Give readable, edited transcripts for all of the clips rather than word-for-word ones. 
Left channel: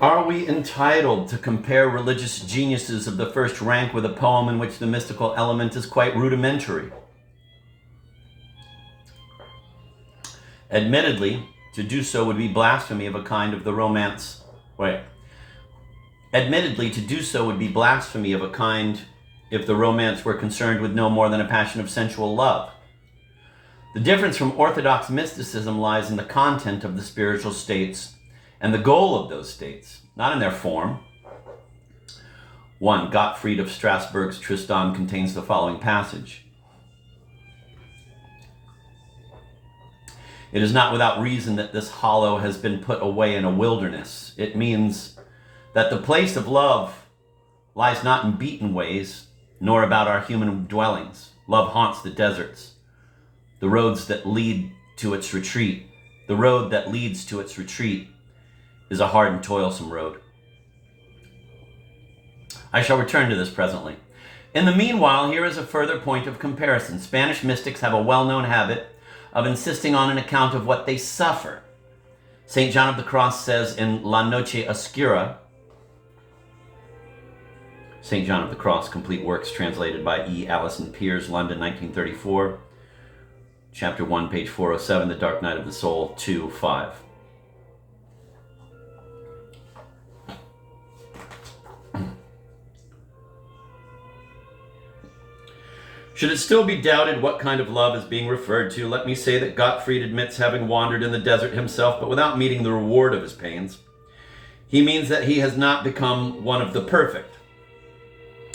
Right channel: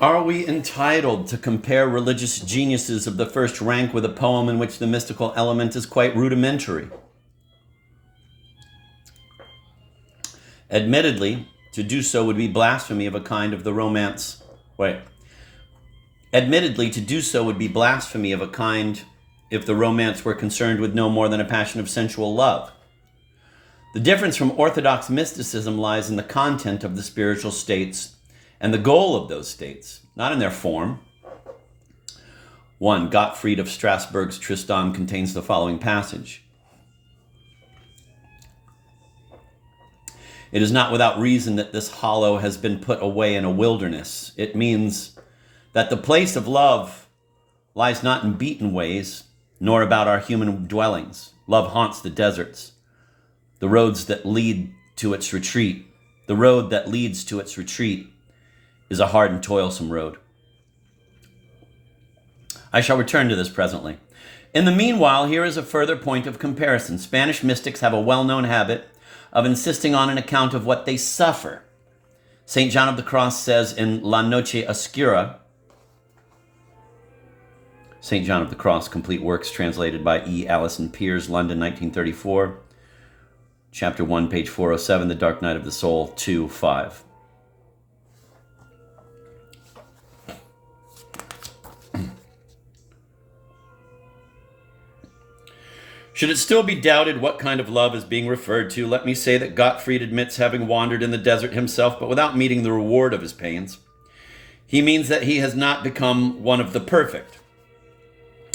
Are we entitled to compare religious geniuses of the first rank with a poem in which the mystical element is quite rudimentary? Admittedly, to do so would be blasphemy of a kind of the romance. Admittedly, to do so would be blasphemy of a kind if the romance were concerned with no more than a passion of sensual love. The difference from orthodox mysticism lies in the content of the spiritual states and the goal of those states, not in their form. 1. Gottfried of Strasbourg's Tristan contains the following passage. It is not without reason that this hollow has been put away in a wilderness. It means that the place of love lies not in beaten ways, nor about our human dwellings. Love haunts the deserts, the roads that lead to its retreat. The road that leads to its retreat is a hard and toilsome road. I shall return to this presently. In the meanwhile, here is a further point of comparison. Spanish mystics have a well-known habit of insisting on an account of what they suffer. St. John of the Cross says in La Noche Oscura, St. John of the Cross, Complete Works, translated by E. Alison Piers, London, 1934, Chapter 1, page 407, The Dark Night of the Soul, 2:5. Should it still be doubted what kind of love is being referred to, let me say that Gottfried admits having wandered in the desert himself, but without meeting the reward of his pains. He means that he has not become one of the perfect.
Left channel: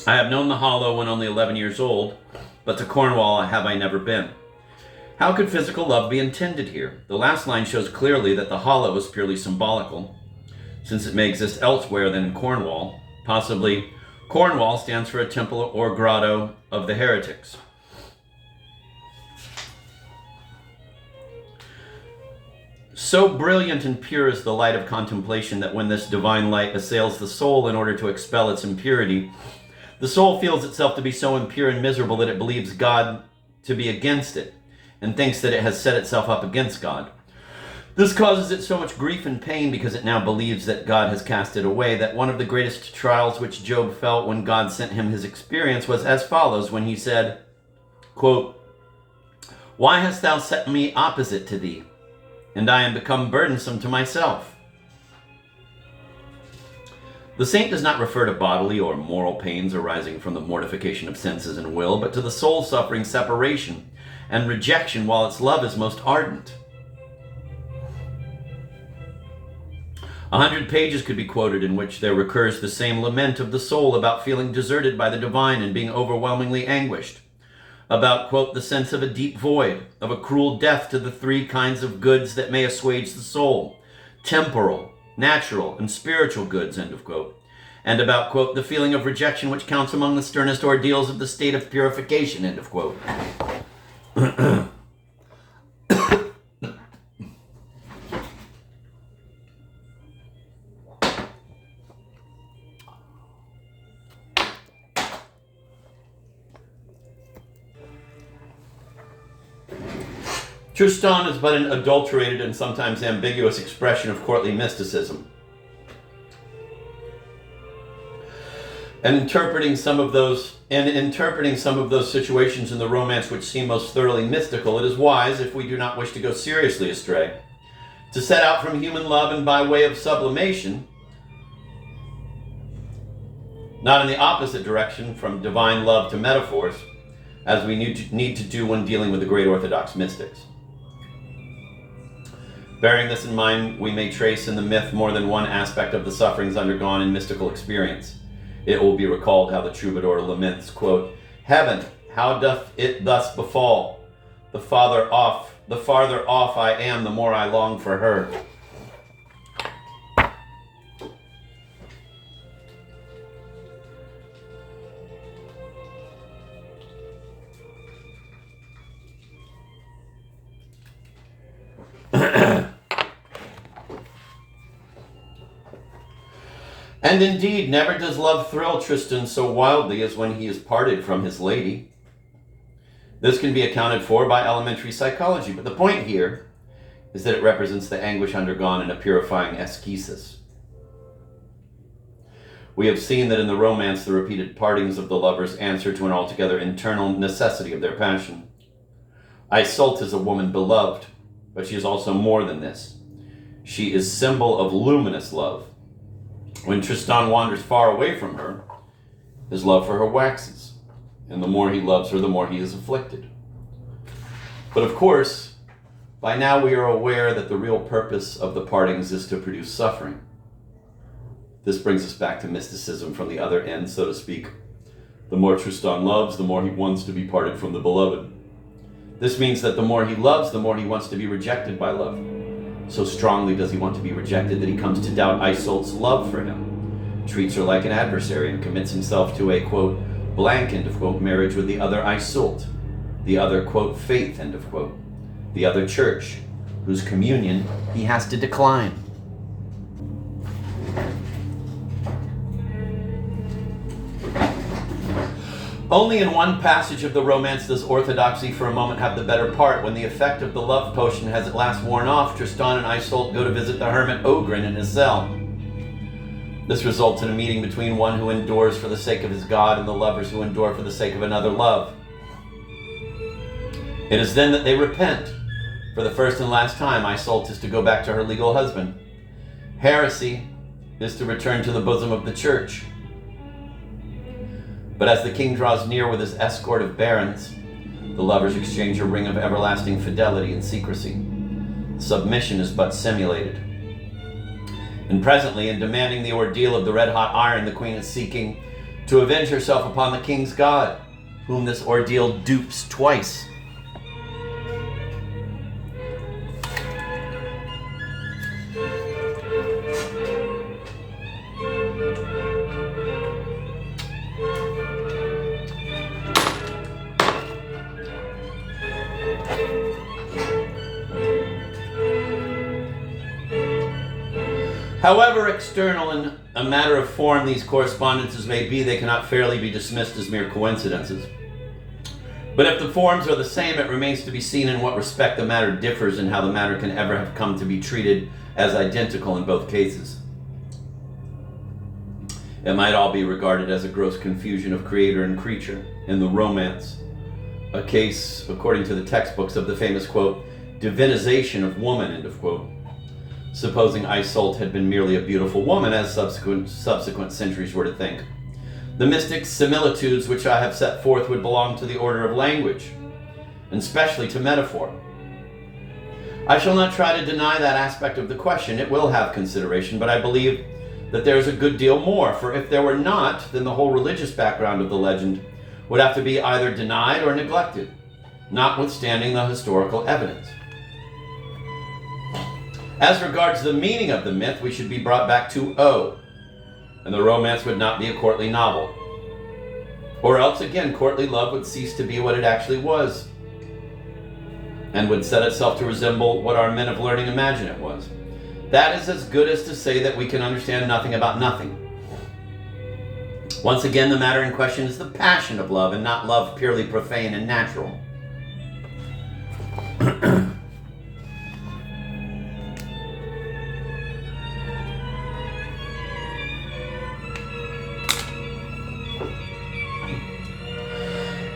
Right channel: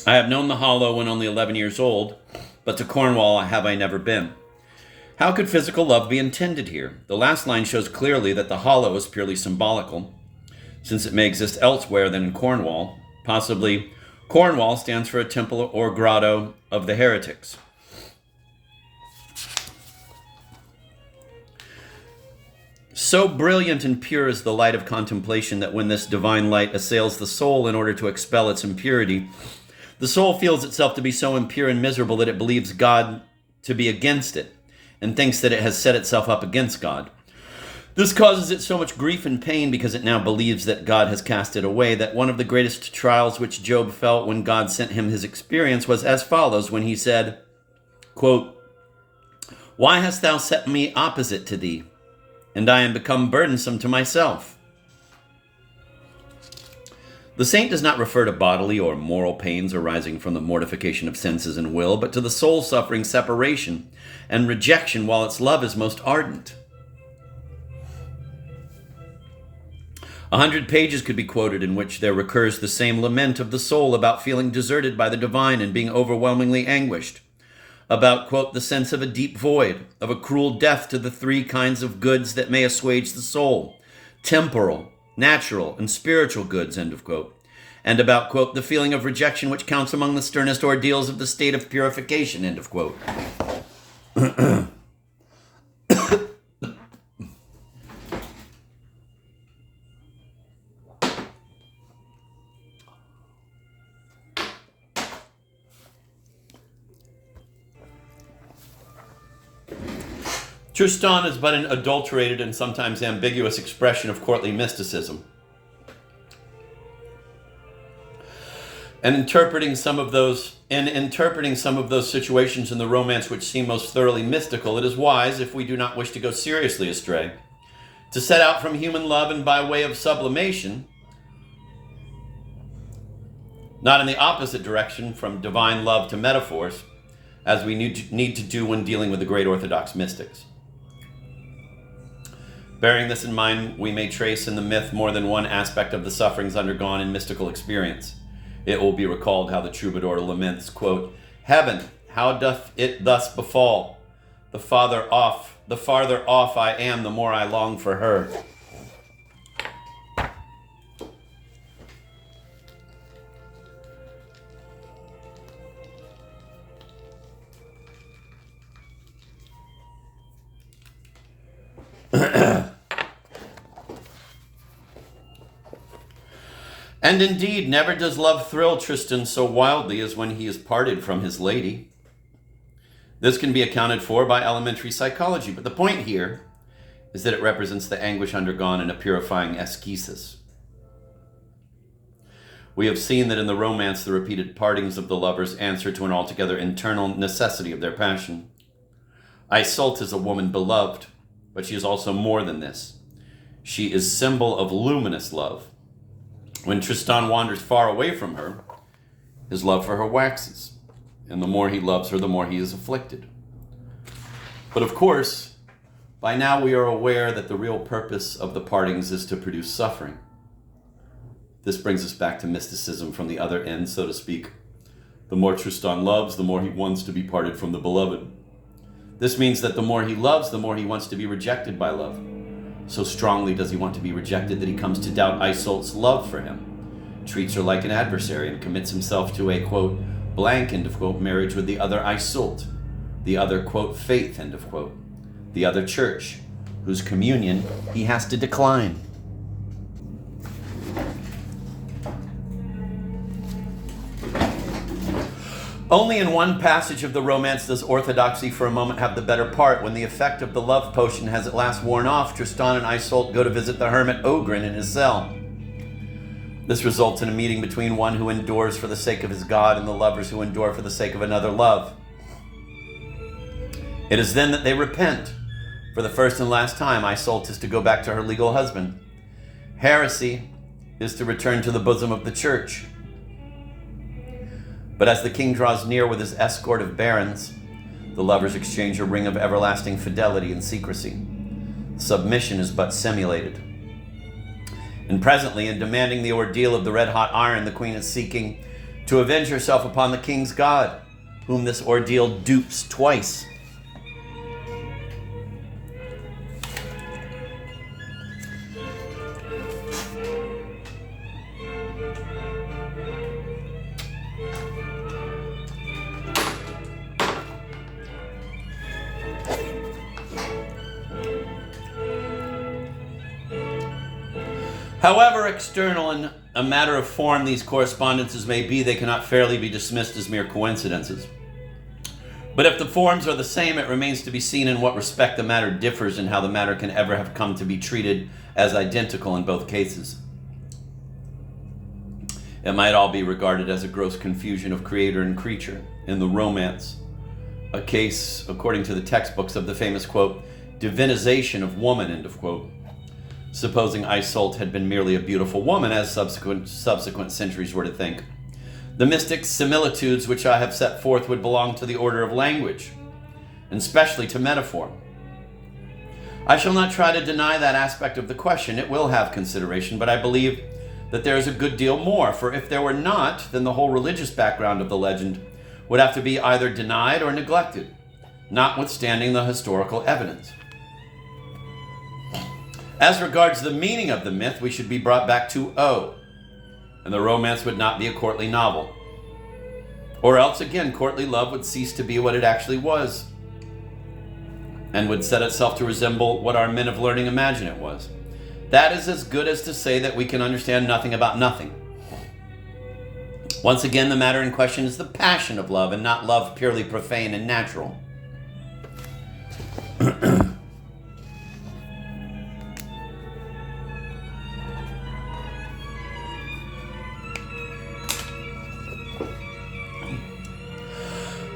I have known the hollow when only 11 years old, but to Cornwall have I never been. How could physical love be intended here? The last line shows clearly that the hollow is purely symbolical, since it may exist elsewhere than in Cornwall. Possibly Cornwall stands for a temple or grotto of the heretics. So brilliant and pure is the light of contemplation that when this divine light assails the soul in order to expel its impurity, the soul feels itself to be so impure and miserable that it believes God to be against it and thinks that it has set itself up against God. This causes it so much grief and pain because it now believes that God has cast it away, that one of the greatest trials which Job felt when God sent him his experience was as follows when he said, quote, "Why hast thou set me opposite to thee? And I am become burdensome to myself." The saint does not refer to bodily or moral pains arising from the mortification of senses and will, but to the soul suffering separation and rejection while its love is most ardent. 100 pages could be quoted in which there recurs the same lament of the soul about feeling deserted by the divine and being overwhelmingly anguished, about, quote, the sense of a deep void, of a cruel death to the three kinds of goods that may assuage the soul, temporal, natural, and spiritual goods, end of quote, and about, quote, the feeling of rejection which counts among the sternest ordeals of the state of purification, end of quote. Tristan is but an adulterated and sometimes ambiguous expression of courtly mysticism. And interpreting some of those situations in the romance which seem most thoroughly mystical, it is wise, if we do not wish to go seriously astray, to set out from human love and by way of sublimation, not in the opposite direction from divine love to metaphors, as we need to do when dealing with the great Orthodox mystics. Bearing this in mind, we may trace in the myth more than one aspect of the sufferings undergone in mystical experience. It will be recalled how the troubadour laments, quote, "Heaven, how doth it thus befall? The farther off I am, the more I long for her." And indeed, never does love thrill Tristan so wildly as when he is parted from his lady. This can be accounted for by elementary psychology, but the point here is that it represents the anguish undergone in a purifying ascesis. We have seen that in the romance, the repeated partings of the lovers answer to an altogether internal necessity of their passion. Iseult is a woman beloved, but she is also more than this. She is symbol of luminous love. When Tristan wanders far away from her, his love for her waxes, and the more he loves her, the more he is afflicted. But of course, by now we are aware that the real purpose of the partings is to produce suffering. This brings us back to mysticism from the other end, so to speak. The more Tristan loves, the more he wants to be parted from the beloved. This means that the more he loves, the more he wants to be rejected by love. So strongly does he want to be rejected that he comes to doubt Iseult's love for him, treats her like an adversary, and commits himself to a, quote, blank, end of quote, marriage with the other Iseult, the other, quote, faith, end of quote, the other church, whose communion he has to decline. Only in one passage of the romance does orthodoxy for a moment have the better part. When the effect of the love potion has at last worn off, Tristan and Iseult go to visit the hermit Oghren in his cell. This results in a meeting between one who endures for the sake of his god and the lovers who endure for the sake of another love. It is then that they repent. For the first and last time, Iseult is to go back to her legal husband. Heresy is to return to the bosom of the church. But as the king draws near with his escort of barons, the lovers exchange a ring of everlasting fidelity and secrecy. Submission is but simulated. And presently, in demanding the ordeal of the red-hot iron, the queen is seeking to avenge herself upon the king's god, whom this ordeal dupes twice. However external and a matter of form these correspondences may be, they cannot fairly be dismissed as mere coincidences. But if the forms are the same, it remains to be seen in what respect the matter differs and how the matter can ever have come to be treated as identical in both cases. It might all be regarded as a gross confusion of creator and creature in the romance, a case, according to the textbooks, of the famous, quote, divinization of woman, end of quote. Supposing Iseult had been merely a beautiful woman, as subsequent centuries were to think. The mystic similitudes which I have set forth would belong to the order of language, and especially to metaphor. I shall not try to deny that aspect of the question. It will have consideration, but I believe that there is a good deal more, for if there were not, then the whole religious background of the legend would have to be either denied or neglected, notwithstanding the historical evidence. As regards the meaning of the myth, we should be brought back to O, and the romance would not be a courtly novel. Or else, again, courtly love would cease to be what it actually was, and would set itself to resemble what our men of learning imagine it was. That is as good as to say that we can understand nothing about nothing. Once again, the matter in question is the passion of love, and not love purely profane and natural.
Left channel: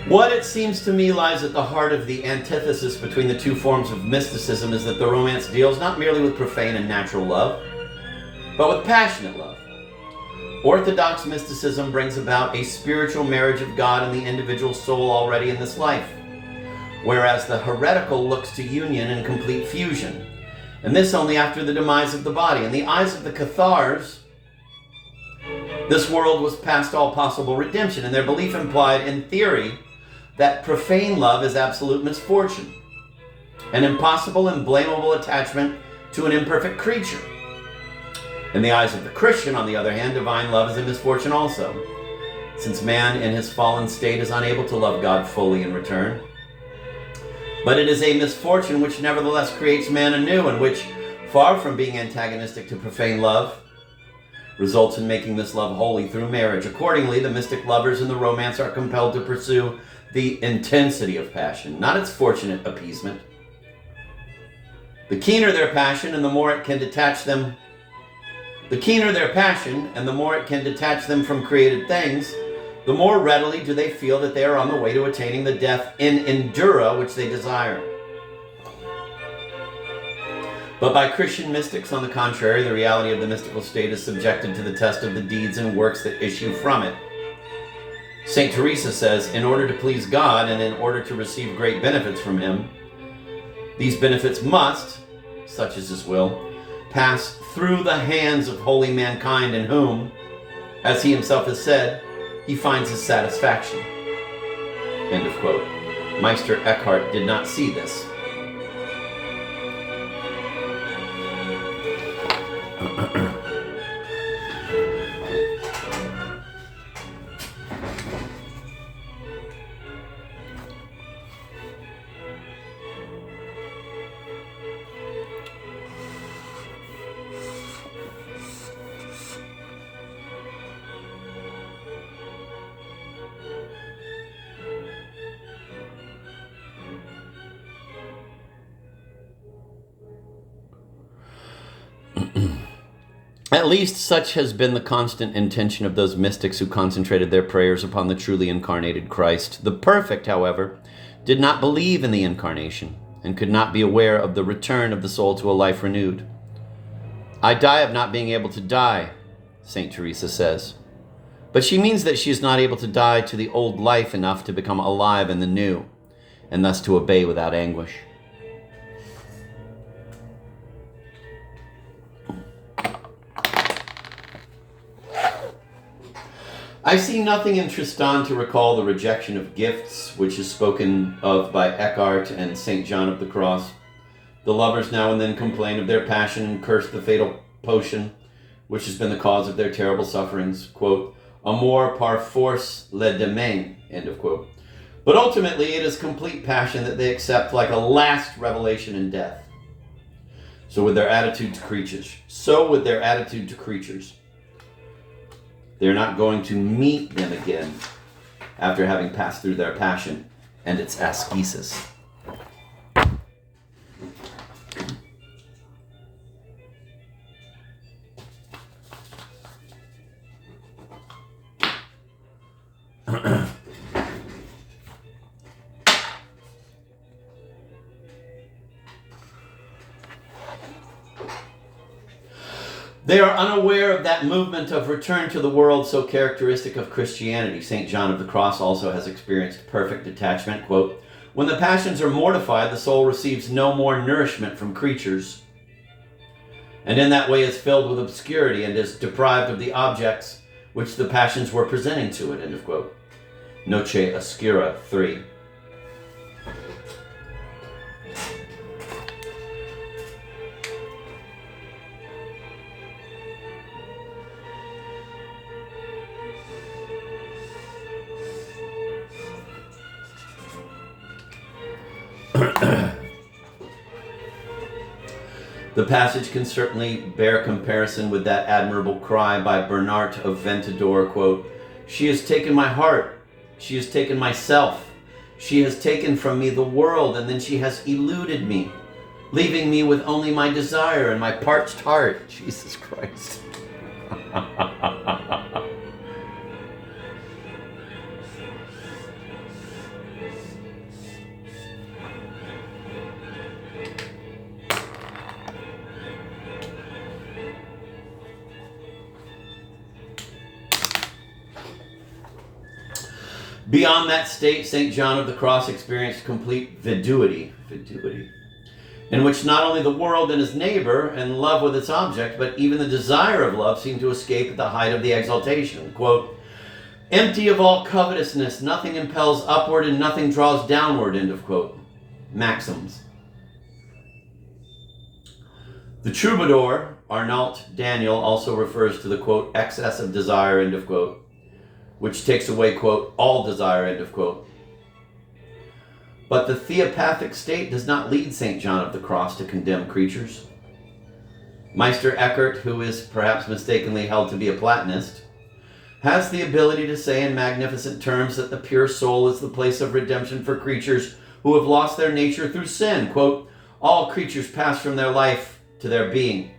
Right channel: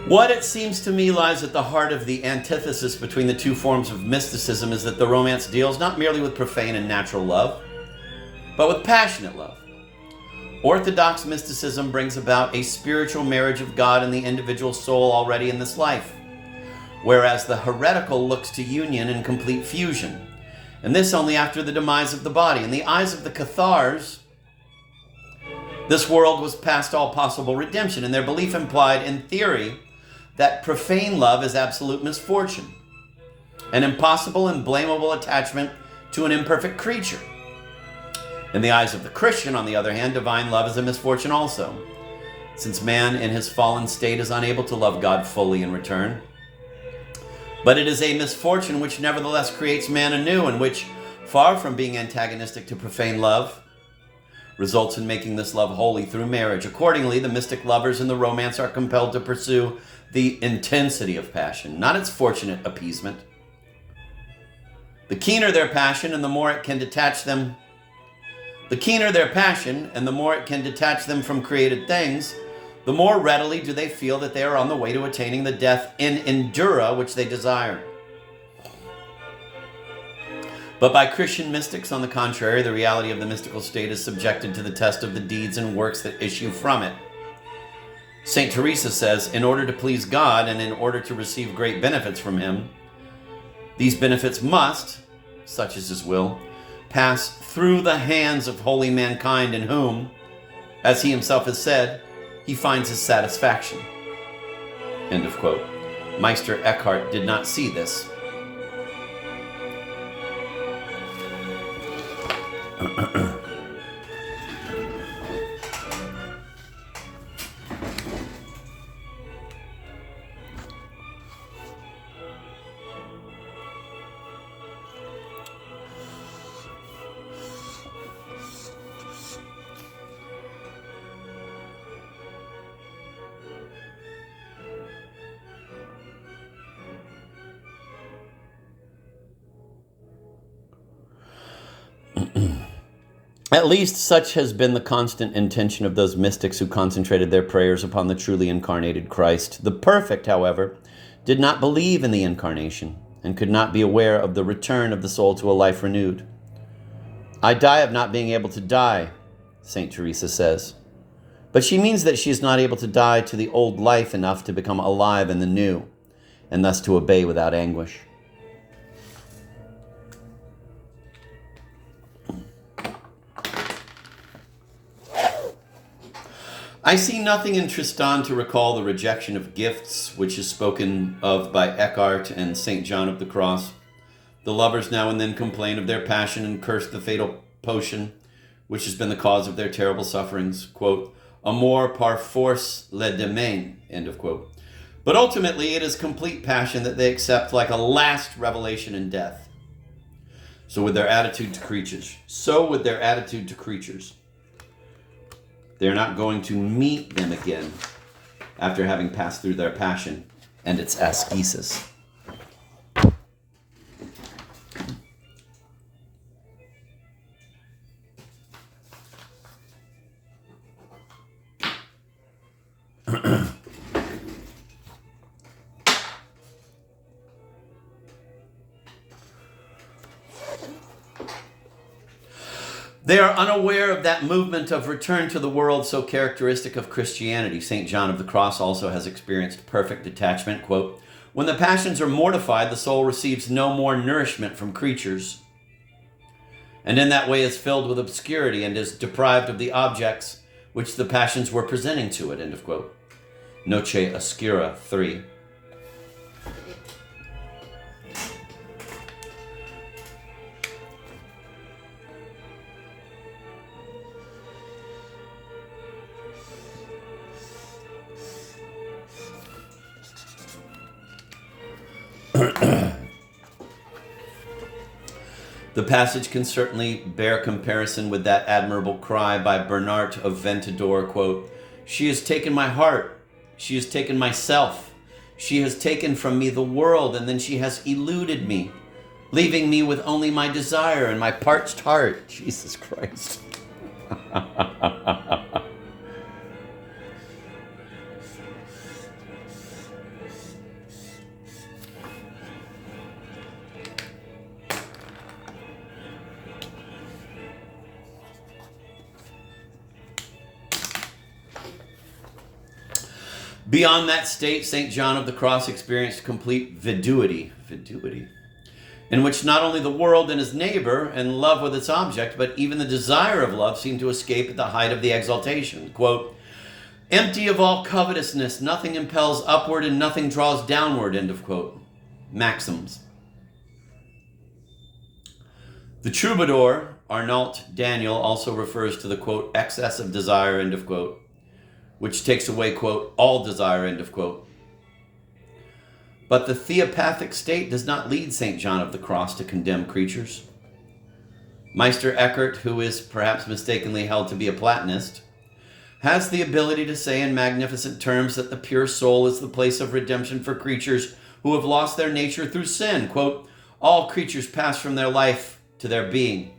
What it seems to me lies at the heart of the antithesis between the two forms of mysticism is that the romance deals not merely with profane and natural love, but with passionate love. Orthodox mysticism brings about a spiritual marriage of God and the individual soul already in this life, whereas the heretical looks to union and complete fusion, and this only after the demise of the body. In the eyes of the Cathars, this world was past all possible redemption, and their belief implied, in theory, that profane love is absolute misfortune, an impossible and blamable attachment to an imperfect creature. In the eyes of the Christian, on the other hand, divine love is a misfortune also, since man in his fallen state is unable to love God fully in return. But it is a misfortune which nevertheless creates man anew, and which, far from being antagonistic to profane love, results in making this love holy through marriage. Accordingly, the mystic lovers in the romance are compelled to pursue the intensity of passion, not its fortunate appeasement. The keener their passion and the more it can detach them The keener their passion, and the more it can detach them from created things, the more readily do they feel that they are on the way to attaining the death in endura which they desire. But by Christian mystics, on the contrary, the reality of the mystical state is subjected to the test of the deeds and works that issue from it. St. Teresa says, in order to please God and in order to receive great benefits from him, these benefits must, such is his will, pass through the hands of holy mankind in whom, as he himself has said, he finds his satisfaction. End of quote. Meister Eckhart did not see this. At least such has been the constant intention of those mystics who concentrated their prayers upon the truly incarnated Christ. The perfect, however, did not believe in the incarnation and could not be aware of the return of the soul to a life renewed. I die of not being able to die, St. Teresa says. But she means that she is not able to die to the old life enough to become alive in the new, and thus to obey without anguish. I see nothing in Tristan to recall the rejection of gifts, which is spoken of by Eckhart and St. John of the Cross. The lovers now and then complain of their passion and curse the fatal potion, which has been the cause of their terrible sufferings. Quote, Amour par force le demain, end of quote. But ultimately, it is complete passion that they accept like a last revelation in death. So with their attitude to creatures. They're not going to meet them again after having passed through their passion and its ascesis. They are unaware of that movement of return to the world so characteristic of Christianity. St. John of the Cross also has experienced perfect detachment. Quote, when the passions are mortified, the soul receives no more nourishment from creatures, and in that way is filled with obscurity and is deprived of the objects which the passions were presenting to it. End of quote. Noce Oscura 3. The passage can certainly bear comparison with that admirable cry by Bernard of Ventador, quote, she has taken my heart, she has taken myself, she has taken from me the world, and then she has eluded me, leaving me with only my desire and my parched heart. Jesus Christ. Beyond that state, St. John of the Cross experienced complete viduity, in which not only the world and his neighbor and love with its object, but even the desire of love seemed to escape at the height of the exaltation. Quote, empty of all covetousness, nothing impels upward and nothing draws downward, end of quote. Maxims. The troubadour, Arnault Daniel, also refers to the, quote, excess of desire, end of quote, which takes away, quote, all desire, end of quote. But the theopathic state does not lead St. John of the Cross to condemn creatures. Meister Eckhart, who is perhaps mistakenly held to be a Platonist, has the ability to say in magnificent terms that the pure soul is the place of redemption for creatures who have lost their nature through sin. Quote, all creatures pass from their life to their being.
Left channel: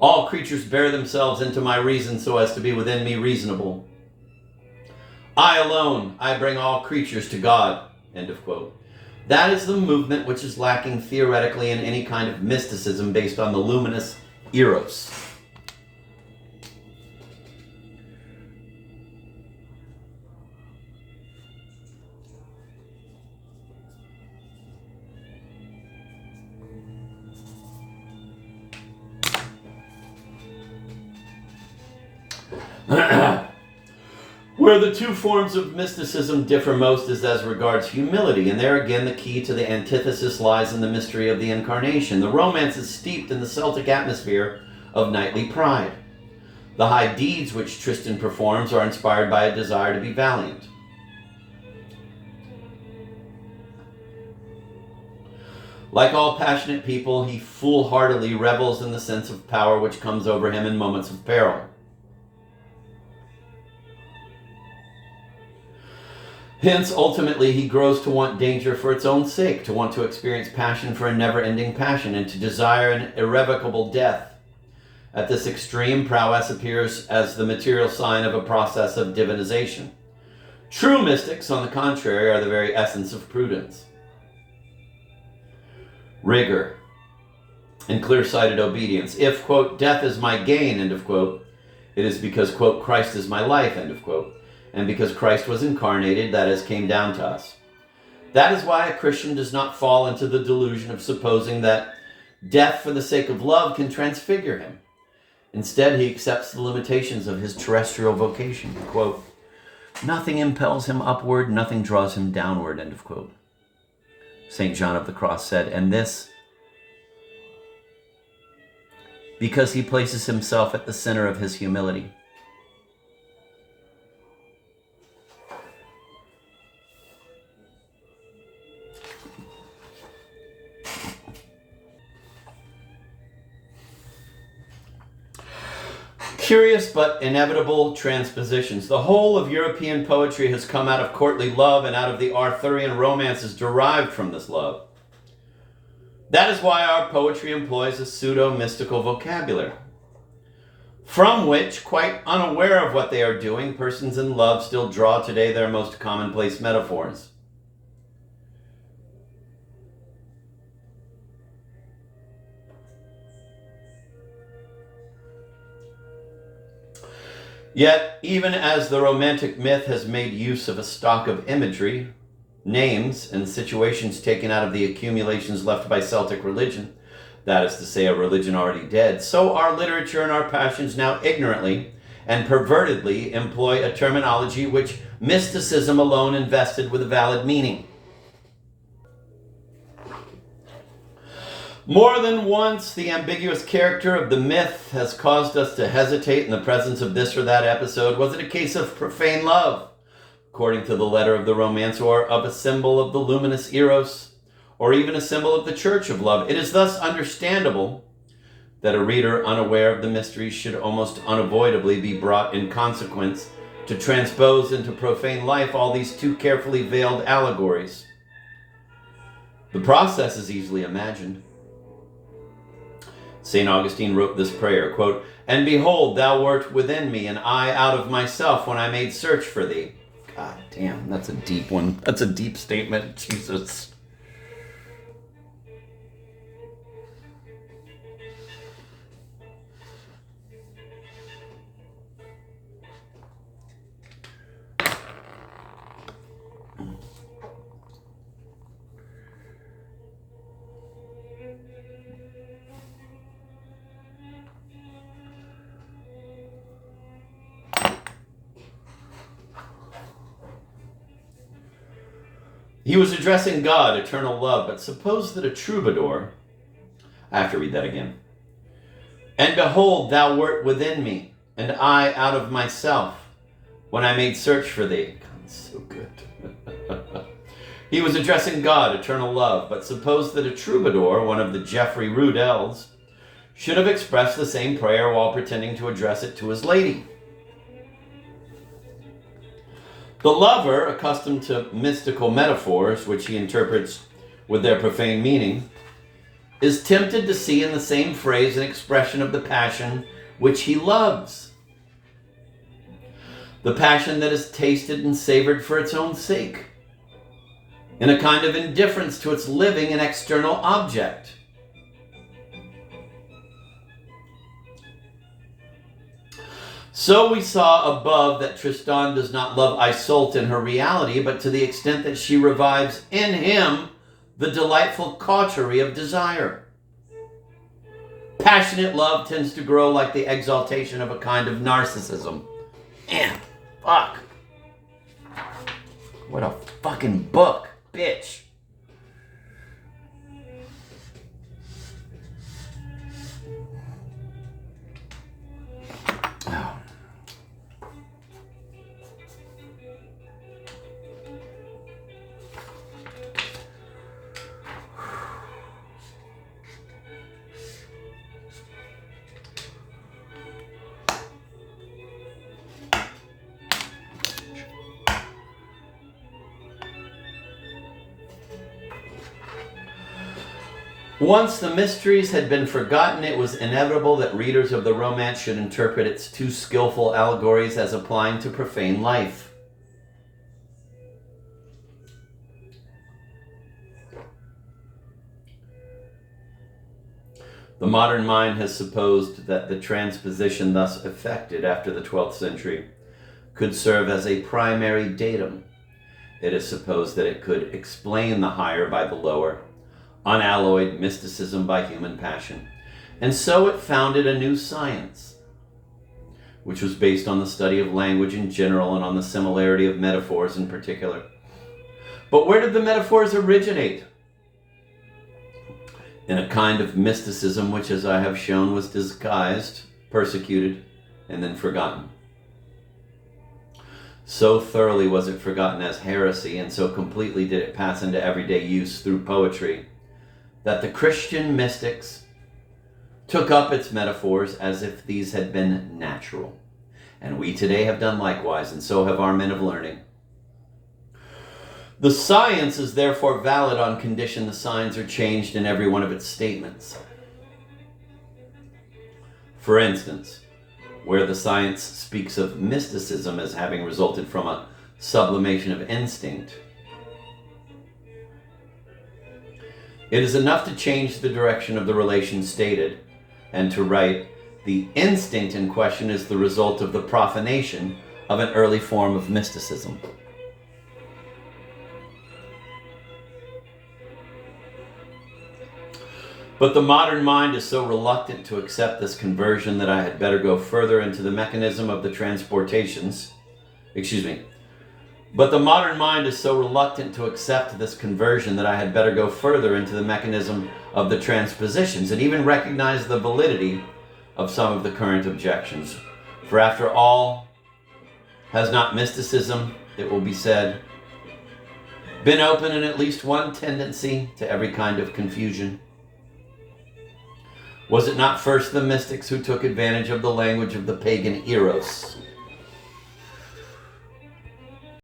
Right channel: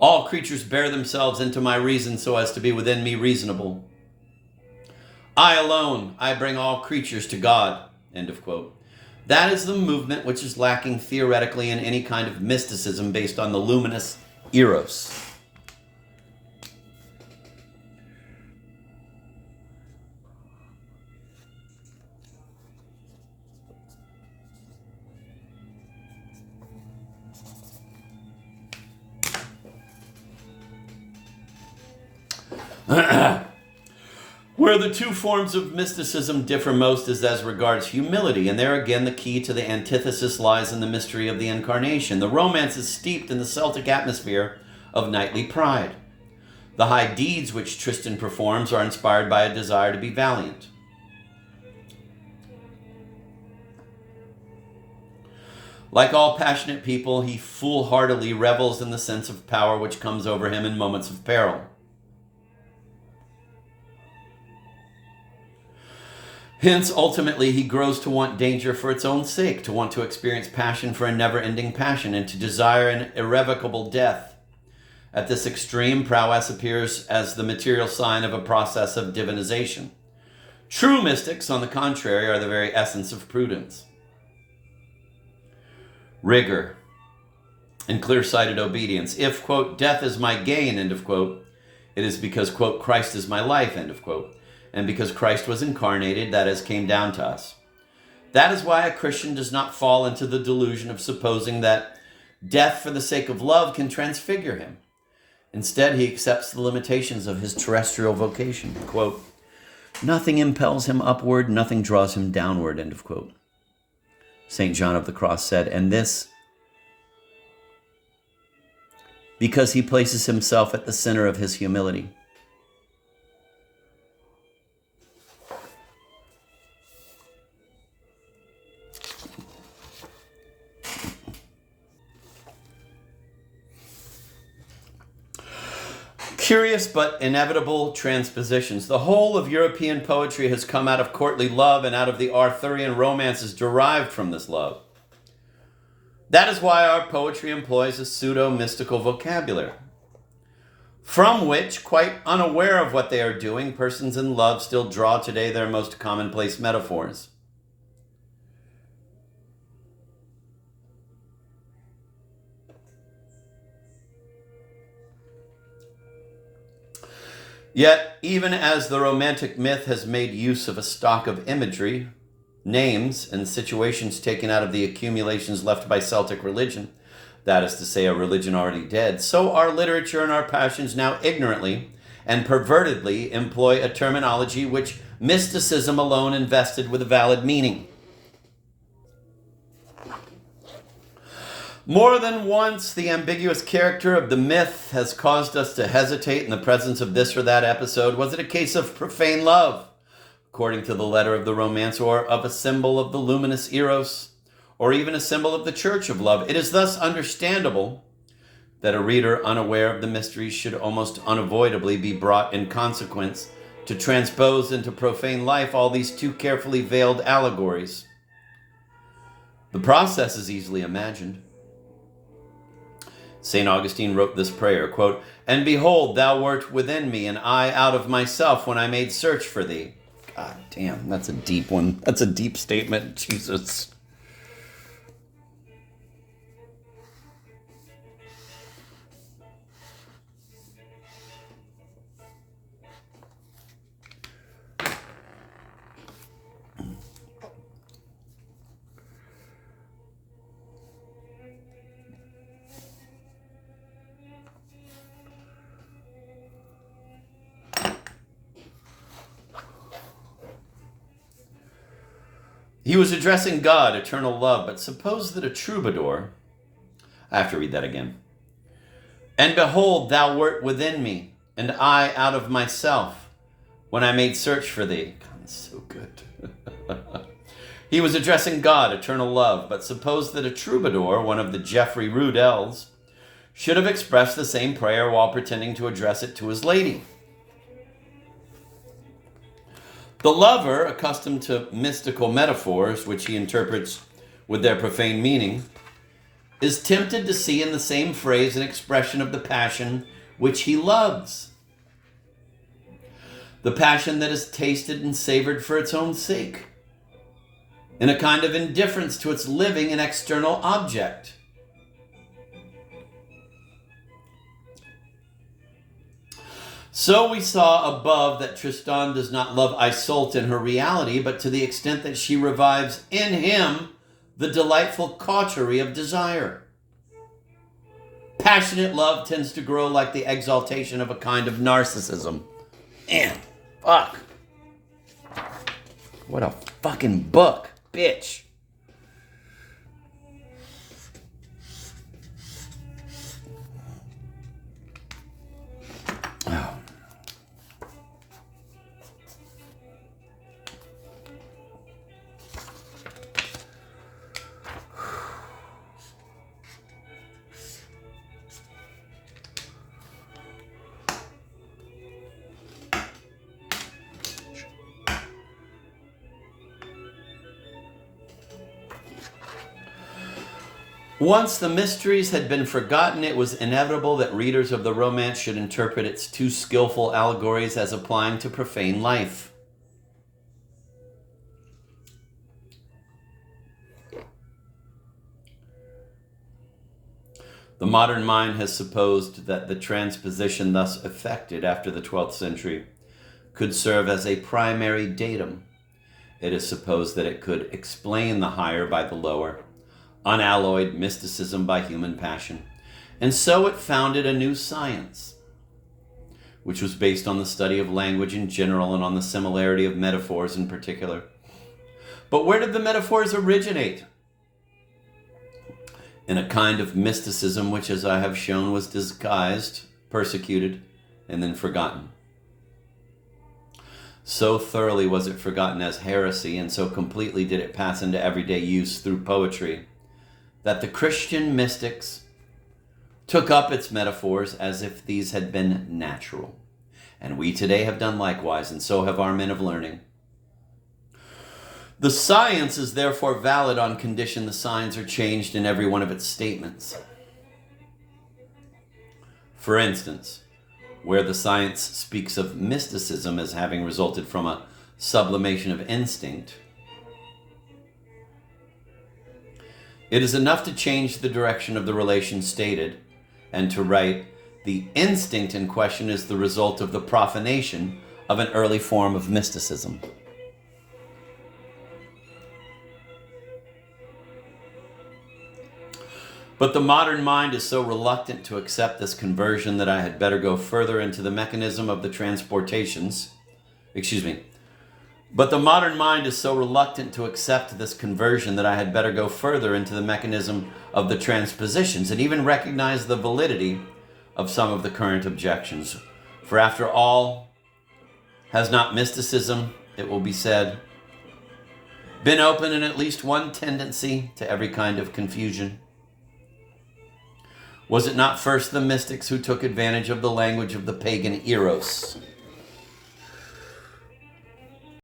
All creatures bear themselves into my reason so as to be within me reasonable. I alone, I bring all creatures to God. End of quote. That is the movement which is lacking theoretically in any kind of mysticism based on the luminous eros. Where the two forms of mysticism differ most is as regards humility, and there again the key to the antithesis lies in the mystery of the incarnation. The romance is steeped in the Celtic atmosphere of knightly pride. The high deeds which Tristan performs are inspired by a desire to be valiant. Like all passionate people, he foolhardily revels in the sense of power which comes over him in moments of peril. Hence, ultimately, he grows to want danger for its own sake, to want to experience passion for a never-ending passion, and to desire an irrevocable death. At this extreme, prowess appears as the material sign of a process of divinization. True mystics, on the contrary, are the very essence of prudence. Rigor and clear-sighted obedience. If, quote, death is my gain, end of quote, it is because, quote, Christ is my life, end of quote. And because Christ was incarnated, that has came down to us. That is why a Christian does not fall into the delusion of supposing that death for the sake of love can transfigure him. Instead, he accepts the limitations of his terrestrial vocation. Quote, nothing impels him upward, nothing draws him downward, end of quote. St. John of the Cross said, and this because he places himself at the center of his humility. Curious but inevitable transpositions. The whole of European poetry has come out of courtly love, and out of the Arthurian romances derived from this love. That is why our poetry employs a pseudo-mystical vocabulary, from which, quite unaware of what they are doing, persons in love still draw today their most commonplace metaphors. Yet, even as the Romantic myth has made use of a stock of imagery, names, and situations taken out of the accumulations left by Celtic religion, that is to say, a religion already dead, so our literature and our passions now ignorantly and pervertedly employ a terminology which mysticism alone invested with a valid meaning. More than once, the ambiguous character of the myth has caused us to hesitate in the presence of this or that episode. Was it a case of profane love, according to the letter of the romance, or of a symbol of the luminous eros, or even a symbol of the church of love? It is thus understandable that a reader unaware of the mysteries should almost unavoidably be brought in consequence to transpose into profane life all these too carefully veiled allegories. The process is easily imagined. St. Augustine wrote this prayer, quote, and behold, thou wert within me, and I out of myself when I made search for thee. God damn, that's a deep one. That's a deep statement, Jesus. He was addressing God, eternal love, but suppose that a troubadour, I have to read that again. And behold, thou wert within me, and I out of myself, when I made search for thee. God, it's so good. He was addressing God, eternal love, but suppose that a troubadour, one of the Geoffrey Rudels, should have expressed the same prayer while pretending to address it to his lady. The lover, accustomed to mystical metaphors, which he interprets with their profane meaning, is tempted to see in the same phrase an expression of the passion which he loves. The passion that is tasted and savored for its own sake, in a kind of indifference to its living and external object. So we saw above that Tristan does not love Isolde in her reality, but to the extent that she revives in him the delightful cautery of desire. Passionate love tends to grow like the exaltation of a kind of narcissism. Man, fuck. What a fucking book, bitch. Oh. Once the mysteries had been forgotten, it was inevitable that readers of the romance should interpret its too skillful allegories as applying to profane life. The modern mind has supposed that the transposition thus effected after the 12th century could serve as a primary datum. It is supposed that it could explain the higher by the lower, unalloyed mysticism by human passion. And so it founded a new science, which was based on the study of language in general and on the similarity of metaphors in particular. But where did the metaphors originate? In a kind of mysticism which, as I have shown, was disguised, persecuted, and then forgotten. So thoroughly was it forgotten as heresy, and so completely did it pass into everyday use through poetry, that the Christian mystics took up its metaphors as if these had been natural. And we today have done likewise, and so have our men of learning. The science is therefore valid on condition the signs are changed in every one of its statements. For instance, where the science speaks of mysticism as having resulted from a sublimation of instinct, it is enough to change the direction of the relation stated and to write, the instinct in question is the result of the profanation of an early form of mysticism. But the modern mind is so reluctant to accept this conversion that I had better go further into the mechanism of the transportations. But the modern mind is so reluctant to accept this conversion that I had better go further into the mechanism of the transpositions and even recognize the validity of some of the current objections. For after all, has not mysticism, it will be said, been open in at least one tendency to every kind of confusion? Was it not first the mystics who took advantage of the language of the pagan Eros